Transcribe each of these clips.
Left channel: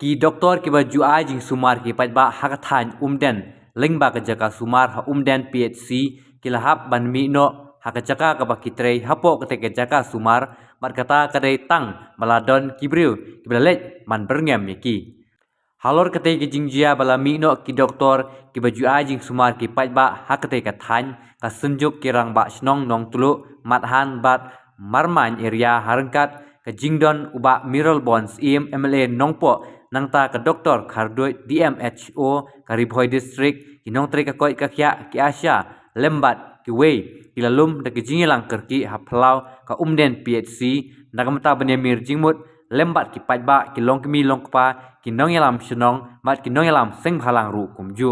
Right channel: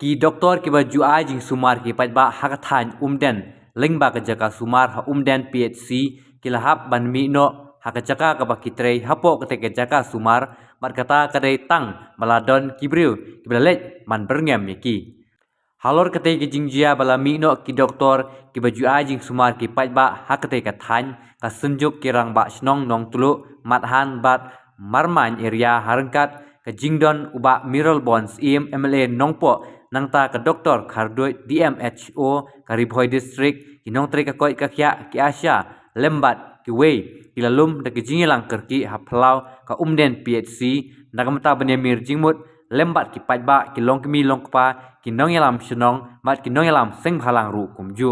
Ki doktor ki baju ajing sumar ki pajba hakathan umden lengba ke jaka sumar ha umden PHC ki lahap ban mi no hakajaka ka bakitrei hapo ke jaka sumar mat kata kadai tang maladon kibriu ki belalet man berngem ki halor kete ki jingjia bala mi no ki doktor ki baju ajing sumar ki pajba hakate ka than ka senjuk ki rang ba snong nong tulu mathan bat marman area harengkat ke jingdon uba miral bonds MLA nongpo nangta ke doktor khardoi DMHO Karibhoi district kinong tre ka koi ka khya ki asya lembat ki wei ilalum de ki jingilang kerki haplau ka umden PHC nagamta benemir jingmut lembat ki pajba ki longkmi longkpa ki nongyalam shnong mat ki nongyalam seng phalang ru kumju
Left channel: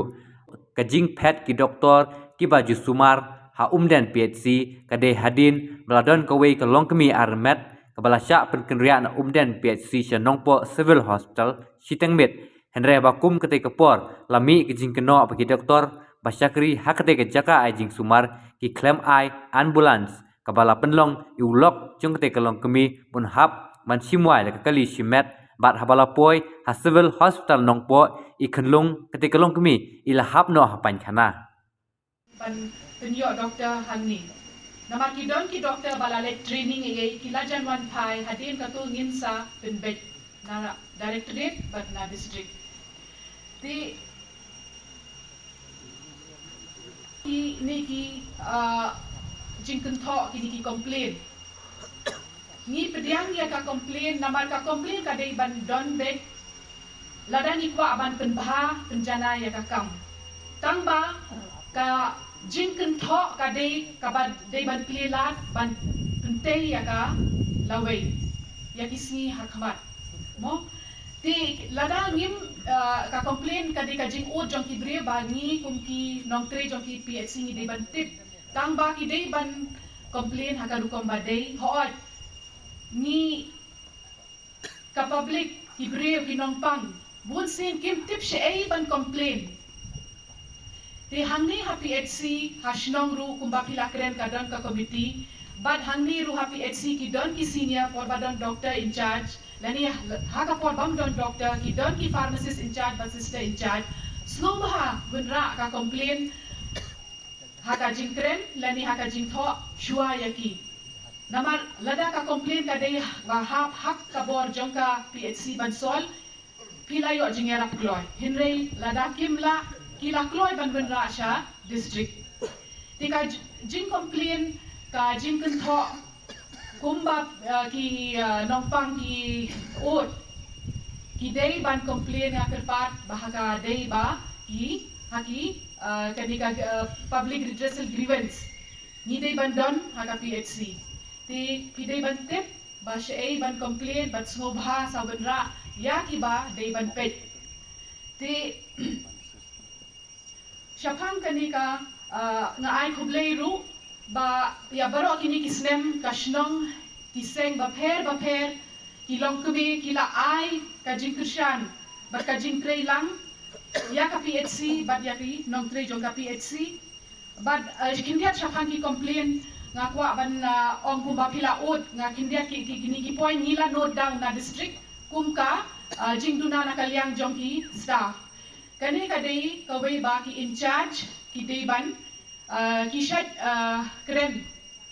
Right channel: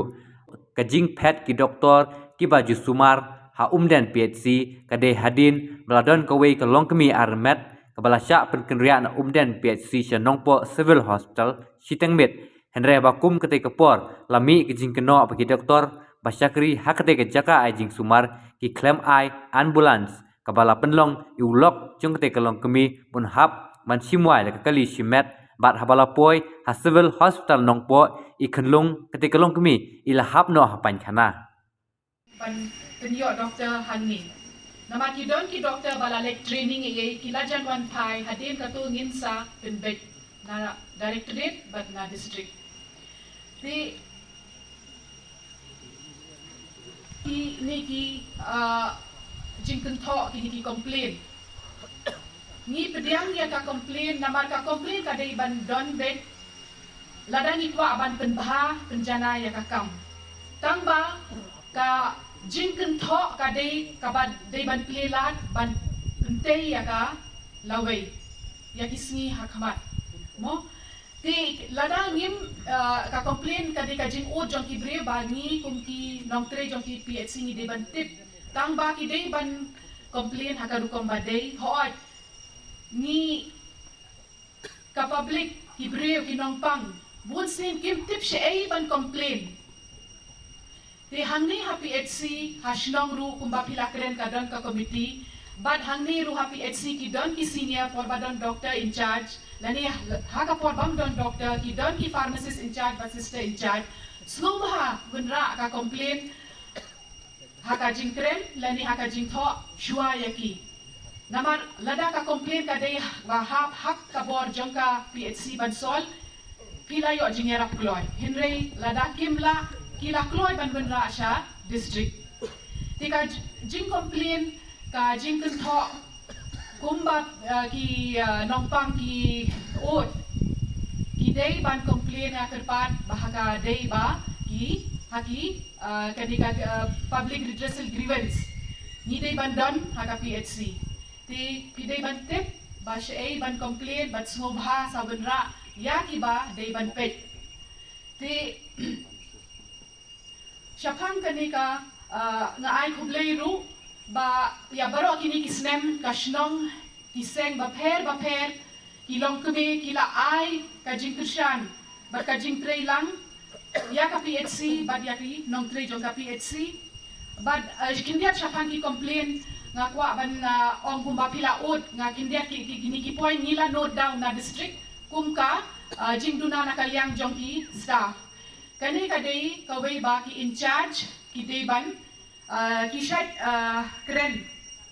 ka jing pet ki doktor ki baju sumar ha umden PHC kade hadin meladon ka wei ka longkmi armet Kepala Syak Penkendirian Umden PHC Shanongpo Civil Hospital Sitengmit Henry Bakum ketika por lami kejing keno bagi doktor Basyakri hak ketika jaka ajing sumar ki klaim ai ambulans kepala penlong iulok jong ketika long kemi pun hap man simwai le kali simet bat habala poi ha Civil Hospital Nongpo ikenlung ketika long kemi ila hap no hapan kana penyo doktor Hani Nama ki doktor balalek training kilajan wan pai hadin katu nginsa penbek na directorate but na district. Di ini ki jingken thok ki complain. Ni pediang dia ka complain namar ka complain ka dei ban don bed ladang ikwa ban penbah penjana ya ka kam. Tangba ka jingken thok ka dei ka ban dei ban plelat ban pentei ya ka lawei ya kisni hakmat mo ti ladang ngim ka complain ka dei ka jing ud jong ki bre ba ni kum ki nong tre jong ki PHC ni dei ban tip tang ba ki dei ban complain ha ka rukom ba dei hoat ni ka public ki bre ki nong pang bun sin kim tip she ai ban complain Di hangni ha PHC hasnong ru kumba pilakren kadon ka committee bad hangni ru ha PHC ki don ki senior por badon doctor in charge lani ha ka por bam don doctor ki don ki pharmacist in charge but sister in charge slow ha bunra ka complain ha ka jingkren lani ha ka jingtho shua yaki namar lada ka complain ka dei ba hak ka bor jong ka PHC ban sol pilayo jingera ploy henry lada kimla Kila kloy ban benra sya district. Tika jing complain ka jing kentho kumba ki nongpang ki ut. Ki day ban complain nga kerpat bahaka day ba ki haki kadika public redressal grievance. Ni day ban don haka PHC. Ti day ban tip ba sya ban complain bat smobha sa benra ya ki ba day ban pet. Ti Syapang kanika nga ay kublay ru ba ya baro kini kisnem kashnong kiseng bapher kilong kumi kila ay kajing krisyan bat kajing trey lang ya ka PHC bat ya ki nong trey jong ka PHC bat kindiat syapang ki complain nga kwa ban ong kumba pila ud nga kindiat ki point nila note down na district kumka jing duna nakaliang jong ki staff Kani kadai kawai ba ki in charge ki deban ki shat kren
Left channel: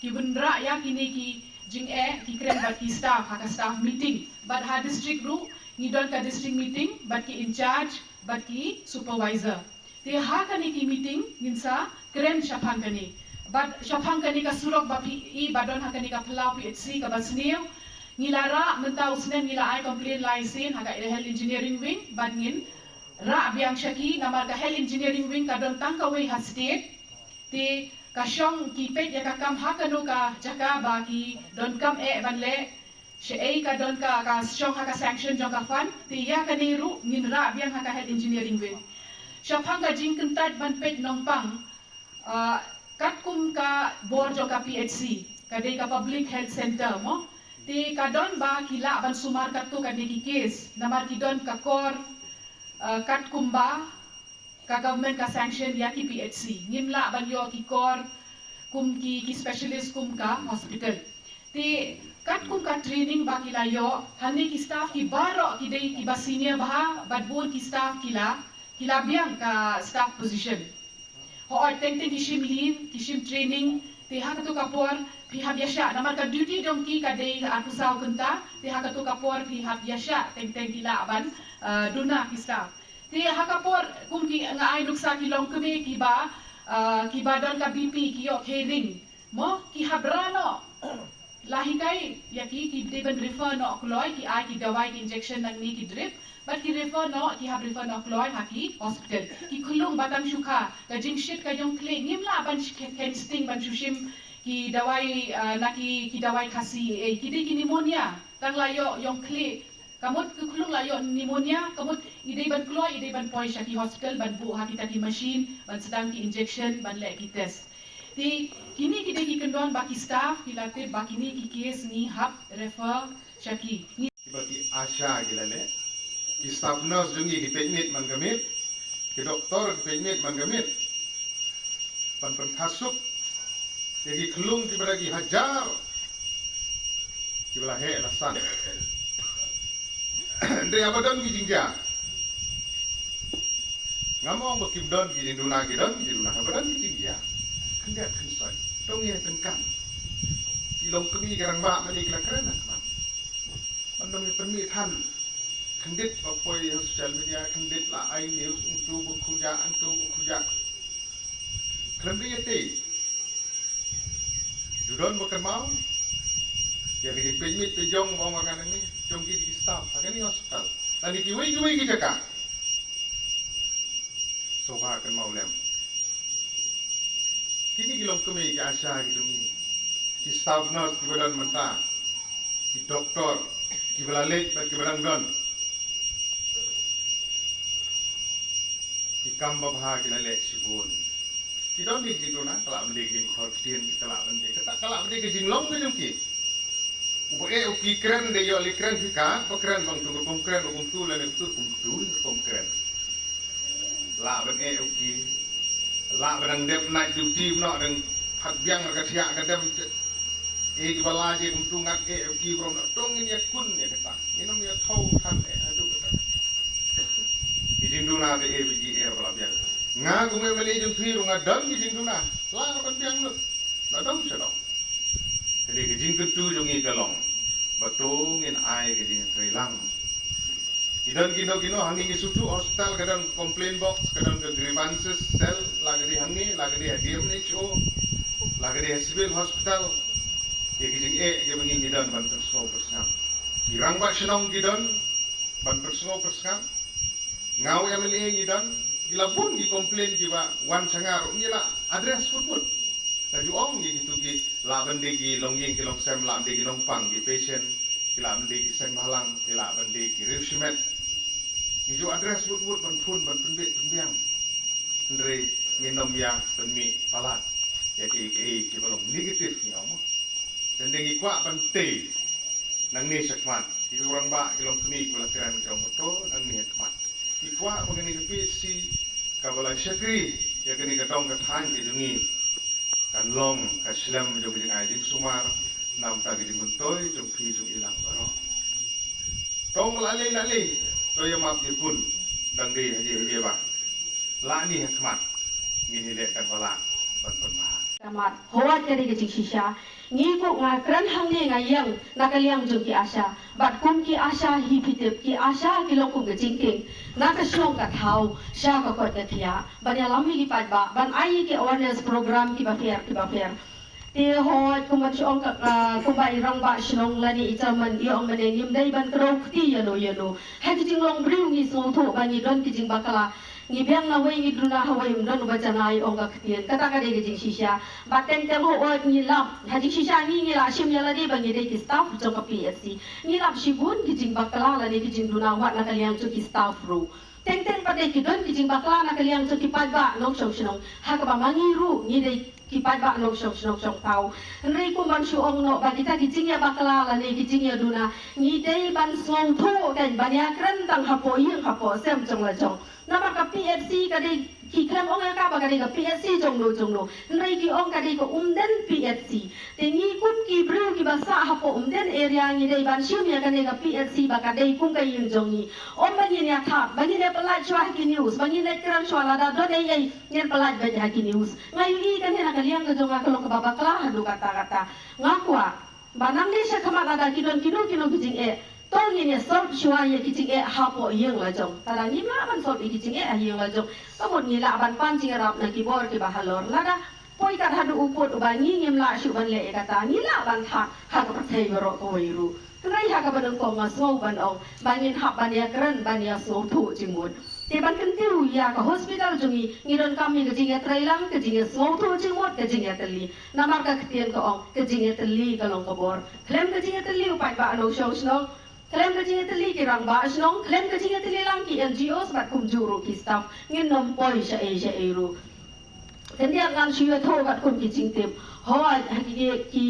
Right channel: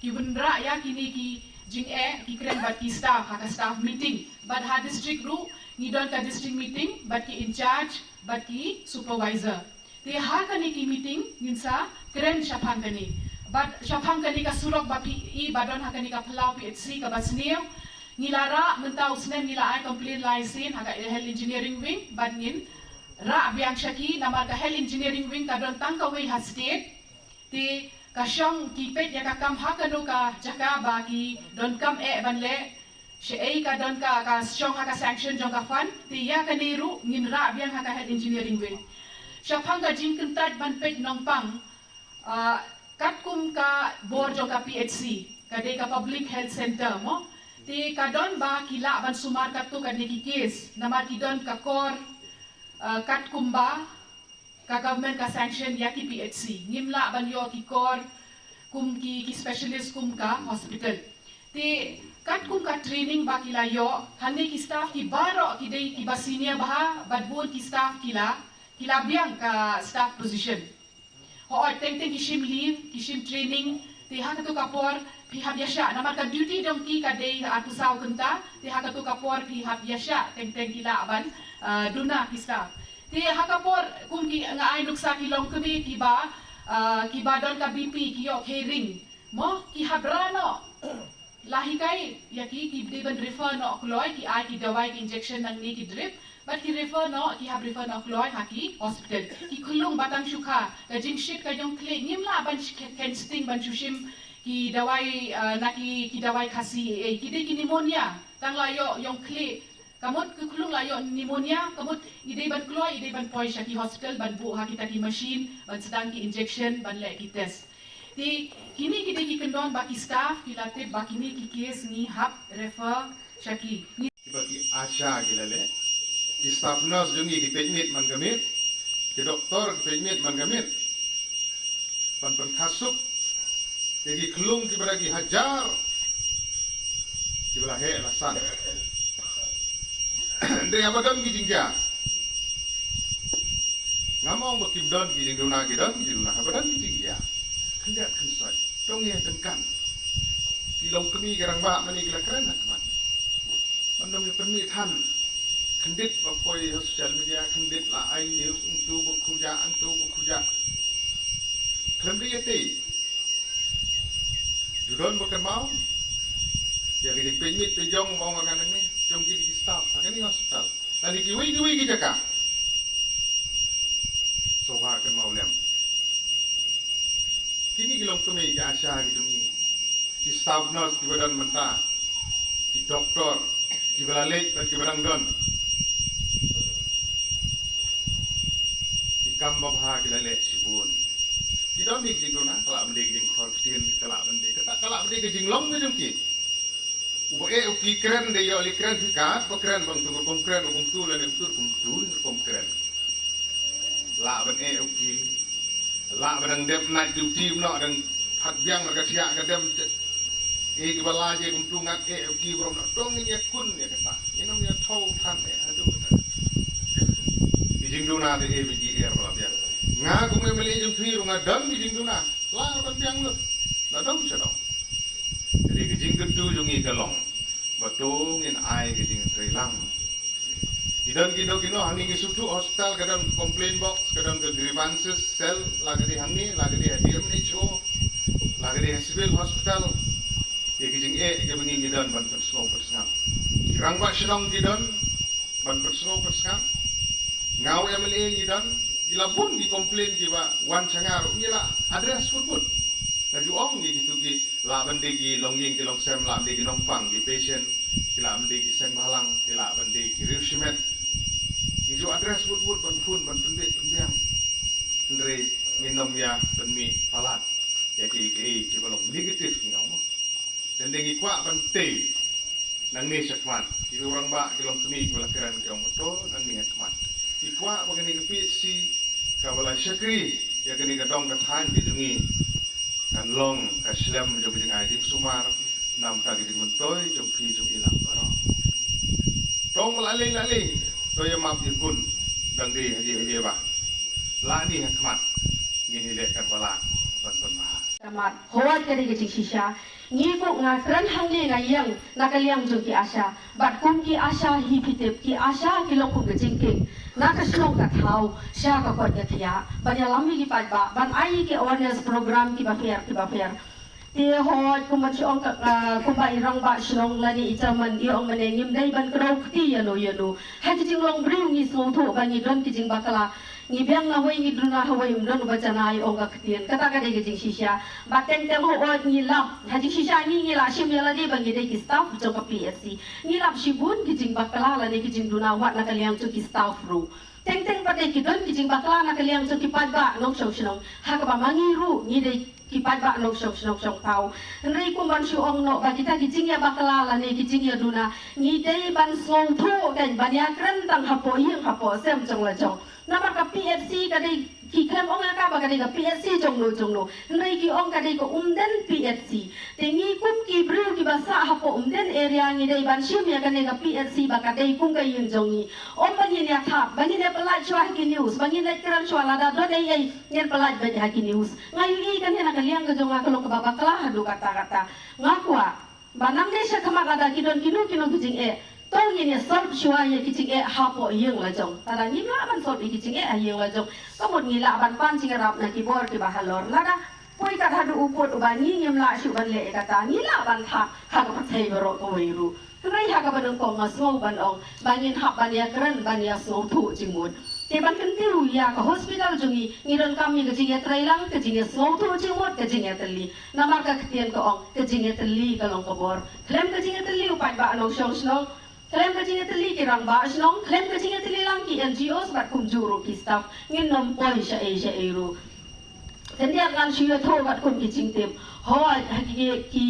ki bundra ya kini ki jing ki kren ba ki staff ha ka staff meeting but ha district ru ni don ka district meeting but ki in charge but ki supervisor te ha kani ki meeting nginsa kren syapang kani but syapang kani ka surok ba pi badon ha kani ka plau PHC ka basniu ngilara mentau snen ngila ai complain license ha ka health engineering wing but ngin Ra biang syaki namar ka health engineering wing ka don tang ka wei ha state ti ka syong ki pet ya ka kam ha kanu ka jaka ba ki don kam ban le she ka don ka syong ha ka sanction jong ka fan ti ya ka ni ru ngin ra biang ha ka health engineering wing syapang ka jing kentat ban pet nong pang kat kum ka bor jong ka PHC ka de ka public health center mo ti ka don ba kila ban sumar ka tu ka ni ki case namar ki don ka kor kat kumba ka government ka sanction ya ki PHC ngimla ban yo ki kor kum ki specialist kum ka hospital ti kat kum ka training ba kila yo hanne ki staff ki baro ki dei ki ba senior bah badbon ki staff kila biang ka staff position ho teng ki shim leave ki shim training te ha tu kapor phi ha biasa namar ka duty dong ki ka dei aku sau kenta te ha tu kapor phi ha biasa teng kila ban duna ki staff te ha kapor kum ki nga ai nuksa ki long keme ki ba don ka BP ki yo hearing mo ki habrano lahi kai ya ki de ban refer no kloi ki ai ki dawai ki injection nang ni ki drip but ki refer no ki have refer no kloi ha ki hospital ki khulung batang shuka ka jing shit ka jong kle ngim la ban ken sting ban shushim ki dawai na ki dawai khasi ki de ki pneumonia tang la yo yong kle kamot ki khulung la yo pneumonia kamot ide ban kloi ide ban poi sha ki hospital ban bu ha ki ta ki machine ban sedang ki injection ban le ki test di kini kita kendon baki staff kilate bakini ki case ni hap refer shaki ni bagi Asha gilale ki staff nurse jungi ki pemit man gamit ki doktor ki pemit man gamit pan khasuk jadi kelung ki beragi hajar ki bela he alasan ndre abadon ki jingja ngamong bakibdon ki jingduna ki dona abadon ki jingja kendak kensoi tongye tengkang pilong kemi garang ba mani kala kerana man mandom yang permi than kendit bakpoi social media kendit la ai news untuk berkuja kelembi yete judon bukan mau ya ki pemit pejong wong orang ini jong ki di staff sakani hospital tani ki wi ki jaka sofa kan mau lem kini kilong kami ki Asha gitu ni ki staff nurse ki badan menta ki doktor ki belalet ki badang don ki kamba bha ki lalet sibun ki don ni ki dona kala bende ki khor kien ki kala bende kala bende ki jinglong ki jungki ubo ki kren de yo li kren ki ka po kren bang tu kom kren kom tu le ne tu kom kren la ben ki la bedang dep night duty no dang phat biang ka thia ka dem ki bala je kum tu ngak ki brom no tong ni kun ne ka ta ni nom ya thau than e adu ka ki jing duna de biji bala biang nga ku me meli jung phi ru nga dam ki jing duna la ban biang no na dom se no de ki jing tu jung ni ka long ba to ngin ai ki jing tre lang Idon kino hangi ki sutu hospital kadang complain box kadang ke grievances cell lagi di hangi lagi di DMHO lagi di civil hospital ye kijing ke bungi idon ban personal persam irang ba sinong idon ban personal persam ngau ya meli idon gila bun ki complain ki ba wan sangar ngila address pun lagi om gitu ki la bende ki longying ki long sem la bende ki nongpang ki patient ki la bende ki seng balang ki la bende ki rishimet Ijo address wut ban phun ban penbet penbiang ndre nginom ya penmi palat ya ki belum negatif ngom dan dengi kwa ban te nang ni sakman ki orang ba ki long kemi kula kran ki om to nang ni sakman ki kwa bagani ki si ka bala syakri ya kini ka dong ka than ki jungi kan long ka slam jo ki ngai dim sumar nam ta ki mentoy jo phi jo ilang baro tong lale tôi map di kun dang di haji ba la ni hikmat gini le kan bala ban ma Tamat howat kadi ke shisha ni ko nga kran hang ni nga yang nakaliang jo ki Asha bat kum ki Asha hi pitep ki Asha ki lo kum ke jingking nakashlong ka thau sha ka kwat ka thia banyalam mi ki pat ba ban ai ki awareness program ki ba fair ti hoi kuman siong kumbai rang ba sinong lani ichaman iong manengim dai ban krok ti yano hai jing long bring ni so tho ban ni don ki jing bakala ni biang na wei ni druna hawai don ba janai ong ka ktien kata ka de jing shisha ba teng ho oi ni lap ha jing shisha ni la sim la de ban ni de ki staff jo ka PSC ni lap shibun ki jing bakala la de ki jing druna wa na kaliang chu ki staff ru teng pa de ki don ki jing bakala na kaliang chu ki pat ba nong shong sinong ha ka ba mangiru ni de kipat ba no shop tau nri kum ban shu ong no ba kita kijing ya bakala la ne kijing ya duna ni dei ban song tho kan ban ya kran tang hapo yeng hapo sem chong la chong na ma ka PFC ka dei ki klem ong ka ba kadai ka PSC jonglo nrai ki ong kadai ko umden PSC tengi kum ki bru ki basa hapo umden area ngi dai ban shim ya kadai ka PSC ba kadai kum ka yin jongi om bangin ya thap bangin ya pelaj shwa ki news bangin ya kran shwa la da do dai ai nyen pelaj ba ha ki news ngai li kan ya kaliang ka jonga ka lok ba ba kala hadu kata ngakwa banang de sha kama da ki don kino kijing tong yin ya solve shwa ya kijing hapo yeng la jong tada ngi la ban solve kijing yeng la jong ka mod ngi la ban pan jing rap na ki bor ki ba halor la da poi ka hadu upot ubangi ngim la shu ban le kata ngi la ban tha ha ka thai bro ko mai ru rai ha ka ban ko ma so ban ong bangin hap ban ya kran ban ya so thu jimut te ban kan tiu ya ka hospital jungi ngiron kami ke jinga trailang ke jinga so thu jimut ke jinga tali namar ka ktian ko ong ke jinga tali ka long ka bor klem ke jinga tali upat ba no shong snong klem ka jinga tali ki rang ba snong klem ka jinga tali lang ki NGOs bat kum juru ki staff ngin nom poi sha e ru tendiak ngan shia tho bat kun ki jing tip hoi ki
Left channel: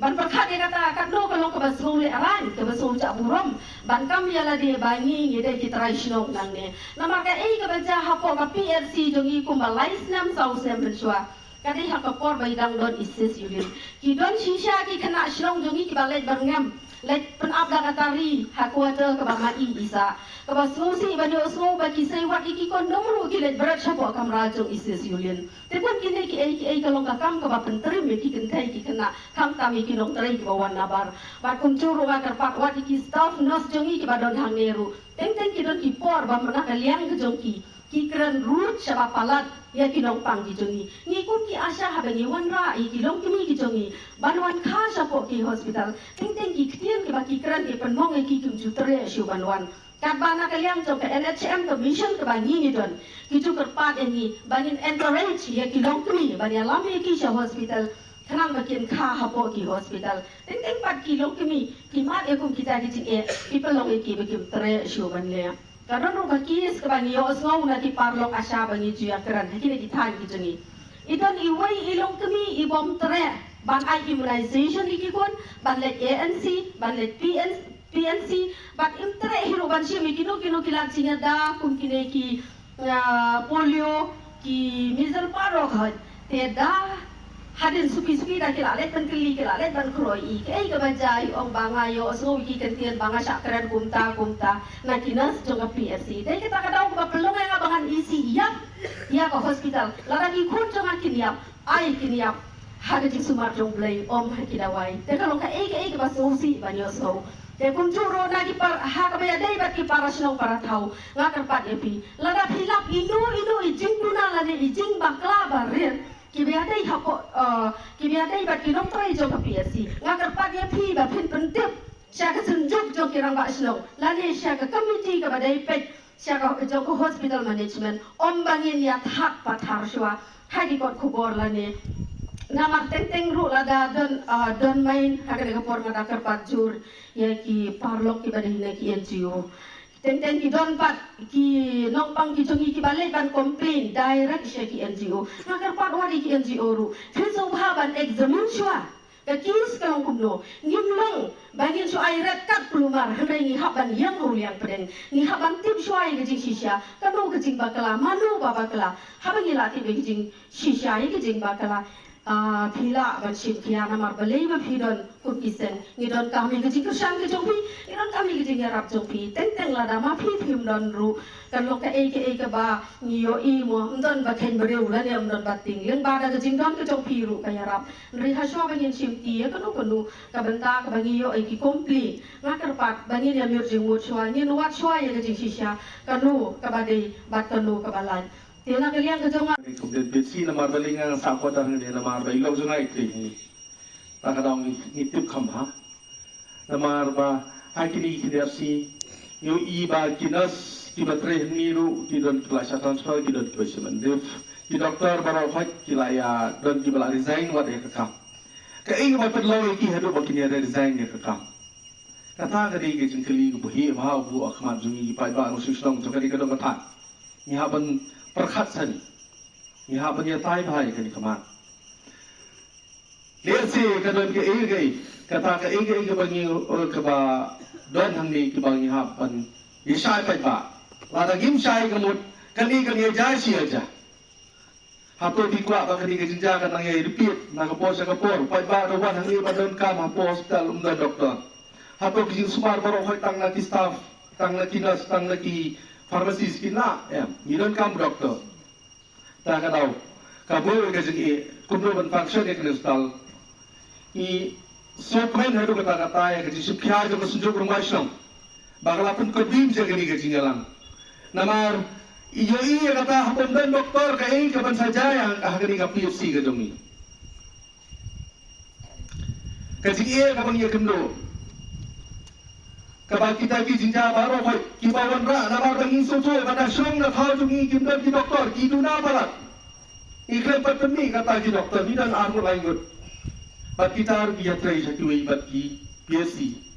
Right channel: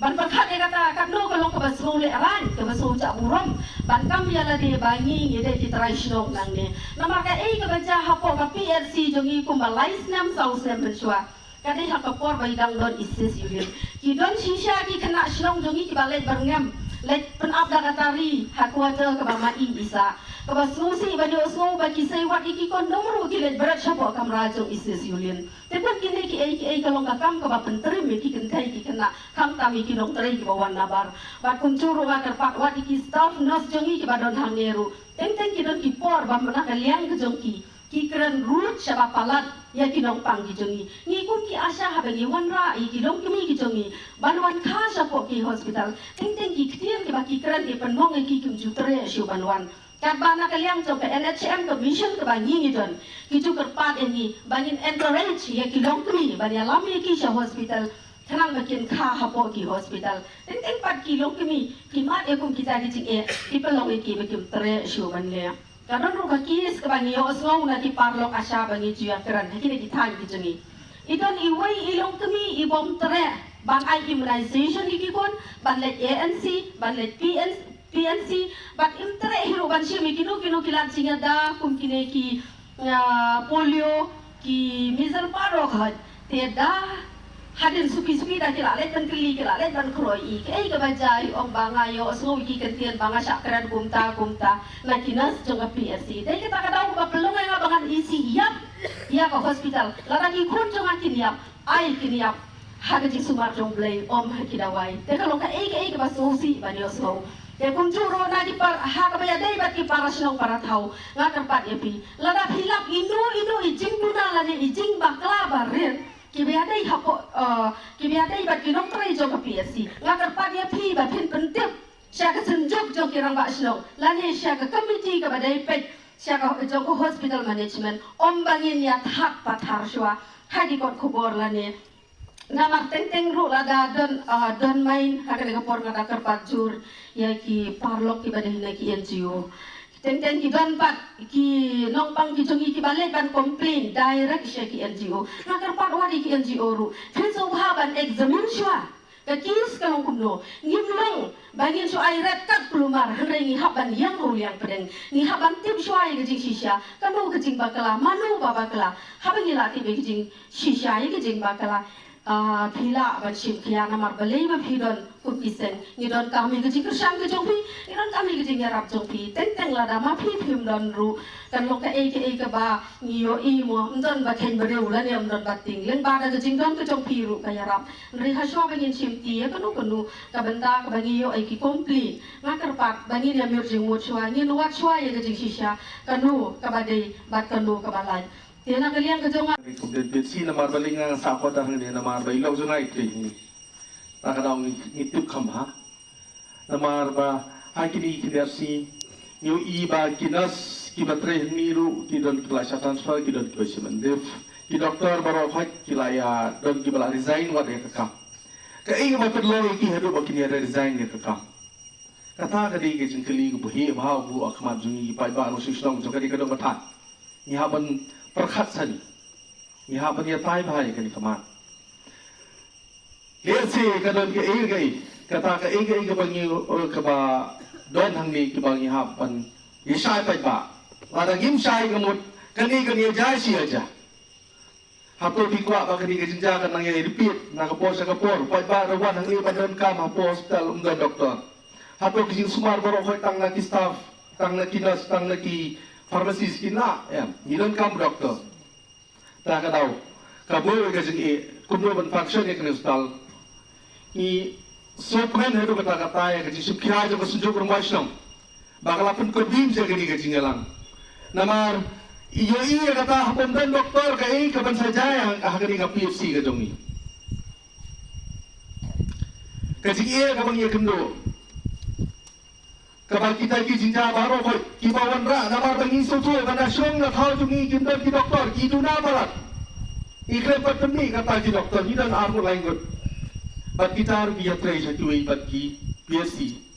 ban perkhat ya kata kat no kalau ke basung le aran ke basung cak burom ban kam ya la de bangi ye de ki trai snok nang ne nama ka ke baca hapo ka PRC jongi ku malai snam sau sem shwa kadi ha ka por bai dang don isis yulin ki don shisha ki kena snong jongi ki balai barngam let pen up da katari ha kuater ke ba mai isa ke basung si ba dio so ba ki sei wat iki kon nomru ki let berat hapo kam rajong isis yulin te pun kini ki kalau ka kam ka ba penteri me ki kentai ki kena kam tami ki dong teri ki bawan nabar ba kum churu ba kerpat wat ki staff nurse jongi ki ba don hang neru teng ki don ki por ba mana kaliang ke jongki ki keren root saba palat ya ki dong pang ki jongi ni kun ki asha ha bangi wan ra i ki dong ki jongi ban wan kha sapo ki hospital teng ki ktian ki ba ki keren ki penmong ki kum jutere shu ban wan kat bana kaliang jong ke NHM ke mission ke bangi ni don ki ju kerpat ini bangin encourage ya ki dong ki ban ya lami ki sha hospital kanang makin kha hapo ki hospital teng pat ki long ki mat e kum kita ki ki pelong ki ba ki tre shu ban le karon ro ka kis ka bangi yo ngau na ki parlok asha bangi ju ya keran ki ki thai ki jongi idon i wei i long i bom tre ban ai immunization ki kun ban let ANC ban let PNC but intere hiro ban shi mi kino kilan singa da kum kine ki polio ki measles paro khat te da hadin suki da kila let ban kli kila let ban kroi i ke ba jai ong banga yo so ki kentian banga sakran kumta na kinas jonga PSC dai kita ka daw ba pelong nga bangan isi yap ya ka hospital lara ki kun jonga kinyap ai kinyap haga jing sumar jong blai om hakidawai te ka long ka ba so si ba yo so ya kum juro na di par ha ka baya dai bat ki para snow para thau nga kan pat ya pi lada hilap indo i jing tuna la ni jing bakla barin ki baya dai ha ko ki baya dai bat ki doktor i jo ka PSC nga kan pat ya pi ba pin pentip sya ka senjuk jo ki rang ba snow la ni sya ka committee ka ba dai pet sya ka jo ko hospital management om bangin ya thak pathar shwa ha di kot khubor la ni nama teng ru lada don main akan ke por ngada kerpat jur ya ki parlok ki badai na ki NGO teng ki don pat ki nok pang ki jongi ki balik ban complain direct sya ki NGO na kerpat wadi ki NGO ru feso ha ban examine shwa ka kis kalong kumno ngimlong bangin so ai red kat plumar ringi haban yang uliang pedeng ni haban tip shwa ai gejing shisha kanu gejing bakala manu babakala haban ila ti gejing shisha ai gejing bakala phila ba chim khia na mar balei ba phidon ku pisen ni don kami ke jikr sang ke jongpi ni don kami ke jing yarap jongpi teng la da ma phi phim don ru kan lo ka e ka ba ni yo i mo ndon ba khen ba reu la ne ndon ba ting leng ba da ke jing don ke jongpi ru ka yarap ri ha sho ba ngin chim ti ka nu ka benta ka ba ngi yo e ki kompli ma kar pat ba ngi ya mir jing wo chwa ni no wat chwa ye ke jing shisha ka nu ka ba dei ba ka nu ka ba lai Tiada kalian kejongan. Kemudian besi nama balingan sahabat dan dia nama bailau sungai ini. Tak ada orang itu kamha. Nama arba hakiri kinersi. Yo iba kinas kibatri niru kidon kelas transfer kidon kelas mendef. Ki doktor baru hak kilaya dan kibala resign wadi kekam. Kei bapak law iki hadu bakini ada resign kekam. Kata kadi kejeng keli buhi bahau bu akhmat jungi pai ba anu sistem jokari kadon kata. Nyaban perkhat sani ya banya tai bhai kan kaman lesi kadon ke gai kata ke gai ke bangi ke ba don hang ni ke bangi ha ban yisai pai ba la da gim sai ke mut kani jai si aja hapo dikwa ba kadi kejinja kan nang repeat na kapor sa kapor pai ba rawan hang iba don kam hapo hospital umga doktor hapo kijing sumar boro hoy tang na ki staff tang na ki nurse tang na ki pharmacist kina ya ngidon kam doktor ta ka daw ka boy ka jing e kumno ban function e kan stall i so kmen ha ko ta ka ta ya ki sukya jo ko sunjog rumai sham bagala pun ko dim je gani ka jingalang namar iyo iya kata hapon dan doktor ka kapan saja yang ahli ka PFC ka dong ni kasi iya kapan iya kemlo kapan kita ki jinja baro koi ki bawan ra namar bangin so tu bana syong na thau tu ni kimdan ki doktor ki tu na parat iklan patmi kata ki doktor ni dan armo lain gut bat kita ru ki yatra isa tu bat ki PFC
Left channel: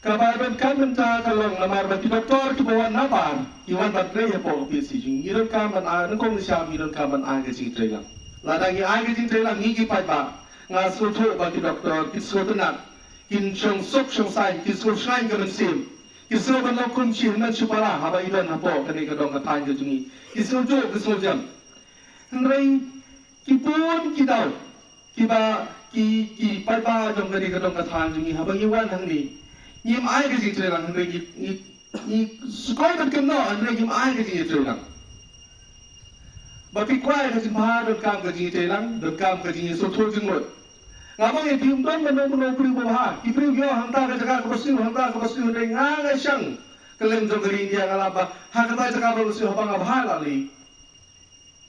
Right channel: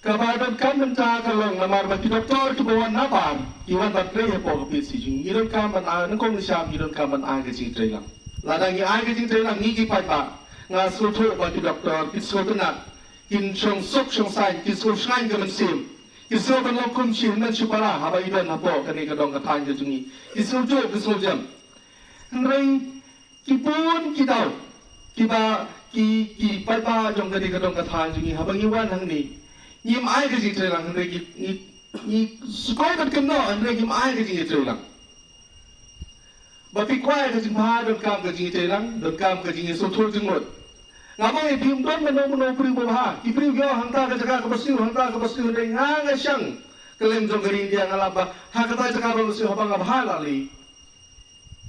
kabaran kan menca kalong namar bati doktor ki bawan napar iwan bat grey po PFC jing iron kaman a nang kong siam iron kaman a ga jing trailang ladang ni a ga jing trailang ni ki pai ba nga sultho bati doktor ki sotenat kin chong sok chong sai ki sul shine ga ban sim ki sul ban kum chin na chupara ha ba idan ha po ka ni ka dong ka tan ga jing ki sul jo ki sul jam nrei ki pun ki dau ki ba ki pai ba jong ga ni ka dong ka tan jing ha ba iwan hang ni Nim ai ke jing trelang hendre ni sukai ban keno hendre nim ai ke jing trelang. Bapi kwai ke jing pha don kam ke jing trelang don kam ke jing so thol jing lot. Ngapang e phim don meno meno pri bo ha. Ki pri yo hangta ke jaga ko basi hangta ko basi hendre nga syang keleng jong gari dia ngalaba ha kata jaga ko basi haba ngabha lali.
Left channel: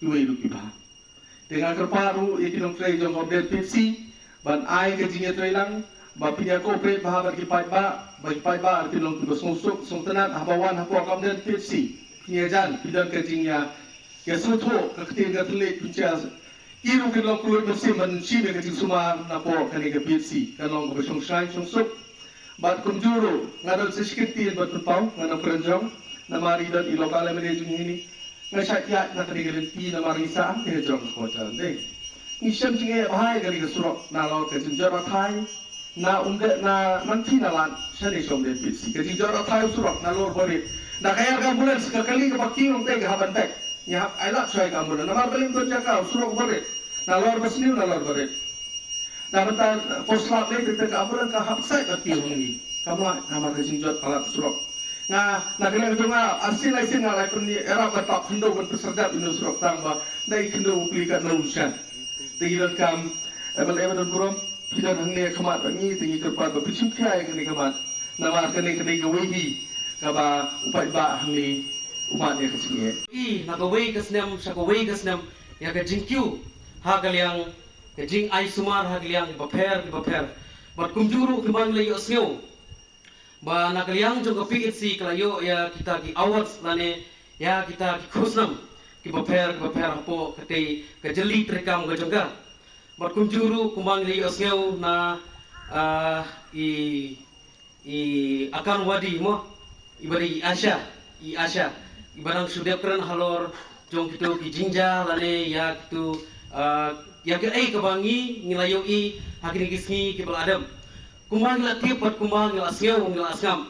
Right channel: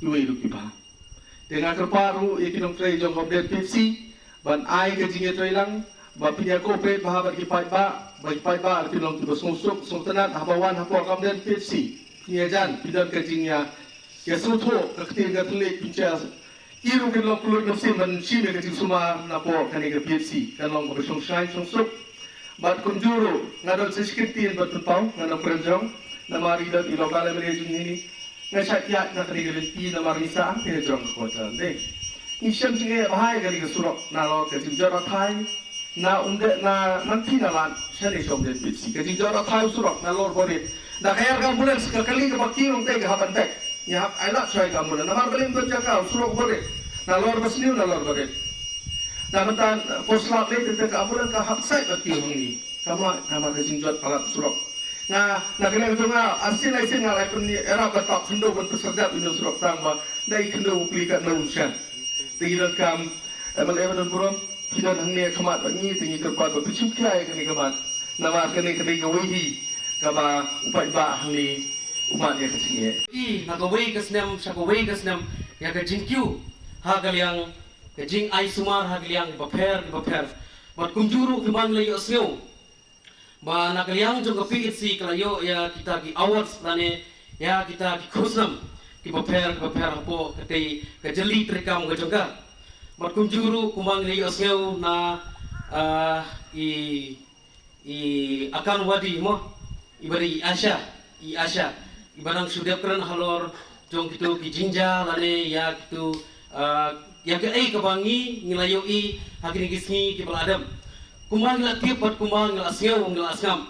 Iwe lu ki ba. Dengan kerparu e kinong trei jong hobde Pepsi ban ai ke jing trelang bapi dia cooperate bahabat ki pai ba arti long tu sungsuk sung tenat habawan hapo kam den Pepsi nia jan pidan ke jingnya ya sutho ka kete ga tlik pincha iru ke long kulut mesim man chime ke jing suma na po ka ni ke Pepsi kan long ko sung shine sungsuk bat kunjuru ngadon siskitin bat pau ngadon prejong na mari dan ilokal mere jing ini ngasat ya na kani ke pi na mari sa pe jong ko tan dei ni shem jing e bahai ka ni ke surok na lo ke jing jara thai na nanti nalan seni som de PFC ke jara thai surok na lor bore da kayar ka ambulans ka kali ka bakki ong te ka haban te ya ai lap sai ka ambulans na mar belim kon jaka surok bore na lor basliu na lor bore da bentan poslap le te ka ambulans ka hap sai bakki ong ni kama nama ke jot palap surok na kalian tunga asin lai sing lai pen era batok khendo kon tersedap ino surok tamba dai khendo pli ka no shan te iron kam abal evan bro hidan hangne khamat bani tingi kerpa ba pichim khai kani kamat nama kani gawi ka ba upai ba hangni umat ya kesinge I nagaway kasnam sa kaway kasnam ya ka jingkyu ha galyang ka jing ai sumar ha galyang ibaper bat kumjuru kimang layo syo ba nagalyang jong ka PHC kalayo ya kita ki awards lane ya kita ki khusnam ki baper po katay ka jeli trekam ga jongga bat kumjuru kumang layo syo na i akan wadi mo ibari Asya ibarang sudah keren halor jong gitu ki jinja lale ya gitu ya ke ai kabangi ngilayo I hakini kisngi ki bal adam kumang la tiap bat kumang la sngeu ngla asngam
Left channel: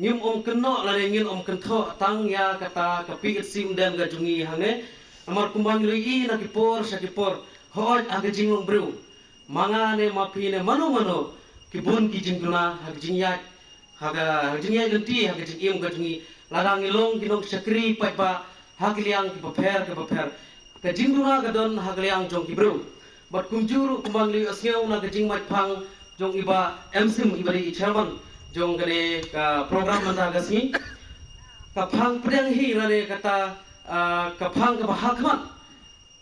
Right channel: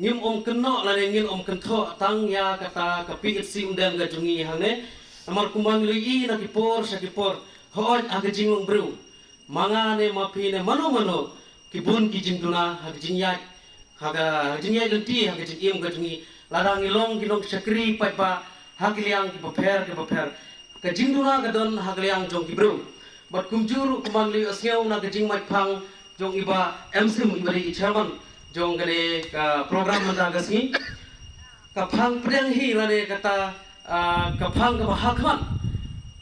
ngim keno lale ngin kentho tang ya kata ka PHC undan ga jungi hangne amar kumang I na kipor sakipor hoj aga jinglong bro mangane mapine mano kibun ki jingtuna hag jingyat haga jingyat lenti haga jingim ga jungi ladang ilong kinong sakri pai pa hagliang ki baper ka jingduna ka don hagliang jong ki bro bat kumjuru kumangli asngeu na ka jing mai phang jong iba MC ibari chairman jong gane ka program manda gasni ka phang pedang hi lane kata ka phang ka bahakman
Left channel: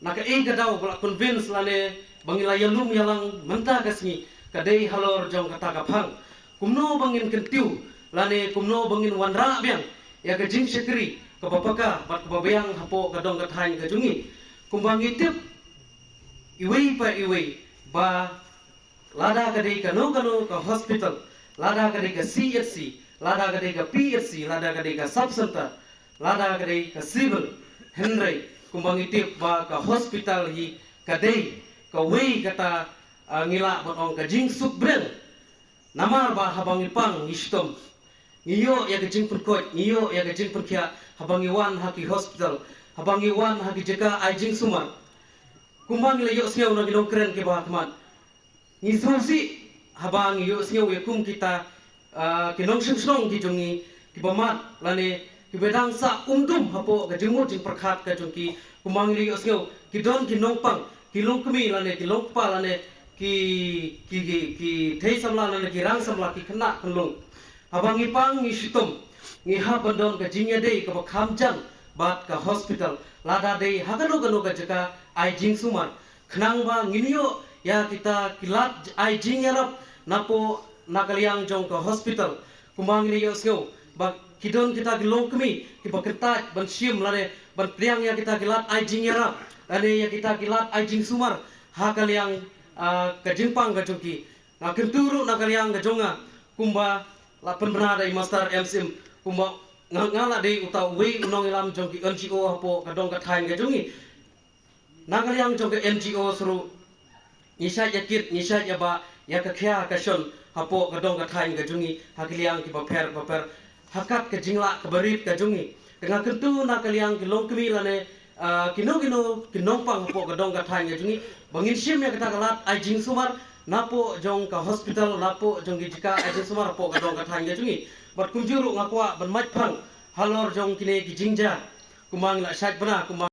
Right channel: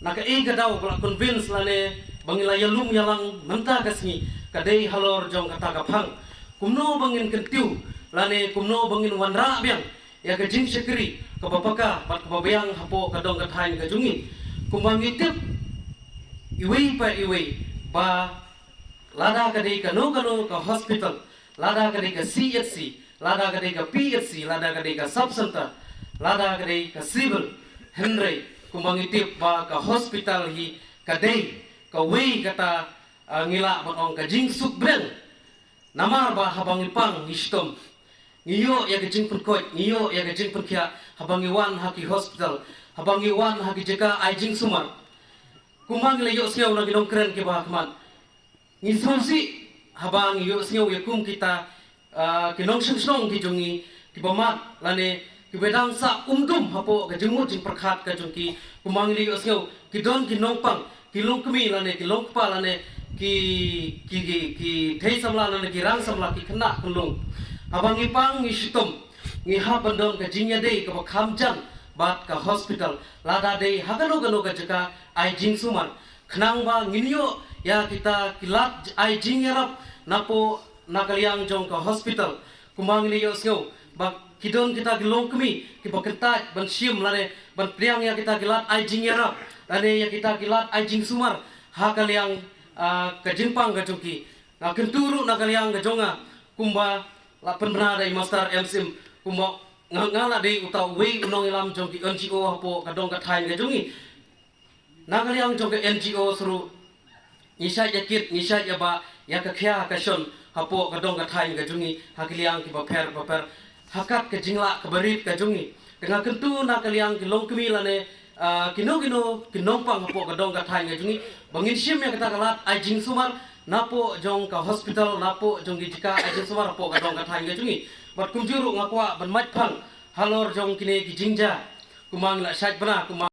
na ka e ka daw kula convince lane bangila yalum yalang menta gasni kadai halor jong kata ka phang kumno bangin kentiu lane kumno bangin wanra biang ya ka jing sekri ka babaka bat ka babayang hapo ka dong ka thain ka jungi kumbang itip iwei ba lada ka dei ka no ka hospital lada ka dei ka CHC lada ka dei ka PHC lada ka dei ka sub center lada ka dei ka civil henry kumbang itip ba ka hospital hi ka dei ka wei kata ngila bat ong ka jing suk brel namar ba habang ipang istom ngiyo ya ke jing penkoi ngiyo ya ke jing penkia habang iwan haki hospital habang iwan hagi jeka ai jing sumar kumang le yo sneu na ginong kren ke ba kman ni susi habang yo sneu yakum kita kinong sing ki jongi ki bamat lane ki bedang sa umdum hapo ga jengmut jing perkhat ka jongki kumang le yo sneu ki don ki nong pang ki long kmi lane ki long pa lane ki thei samla lane ki rang samla ki khna kunlung habang ipang ni sitom ni ha bandon ka jingya dei ka khamjang bat ka hospital lada dei hagano gano ka jaka ai jing sumar khnang ba nginyo ya kita kilat ai jing yarap napo nakaliang jong ka hospital kumang ni yo sngo ba kidon kita gilong kmi ki bakenta ban sim lane ban priang ya kita kilat ai jing yarap ane ya kita kilat ai jing sumar ha kaliang ka jingpang ka jongki na kenturu nakaliang ka jonga kumba lapan benar dari master MSM kumba ngala dei utau wei unong ilam jongki NGO hapo kadong kathain ka jongi nakaliang jong ka NGO suru nisha yakit nisha yaba ya ka khya ka shon hapo kadong kathain ka jongi hakiliang ki baper hakat ka jingla ka barit ka jongi tengah kentu nakaliang ki long kemi lane kinong pang hapo kadong kathain ka jongi bangin sim ya kata kalat ai jing sumar napo jong ka hospital napo jong gi jika ai jing sumar hapo kadong kathain ka jongi bat kumjuru ngakwa ban mach phang halor jong kine ki jingja kumang la saj bana kumang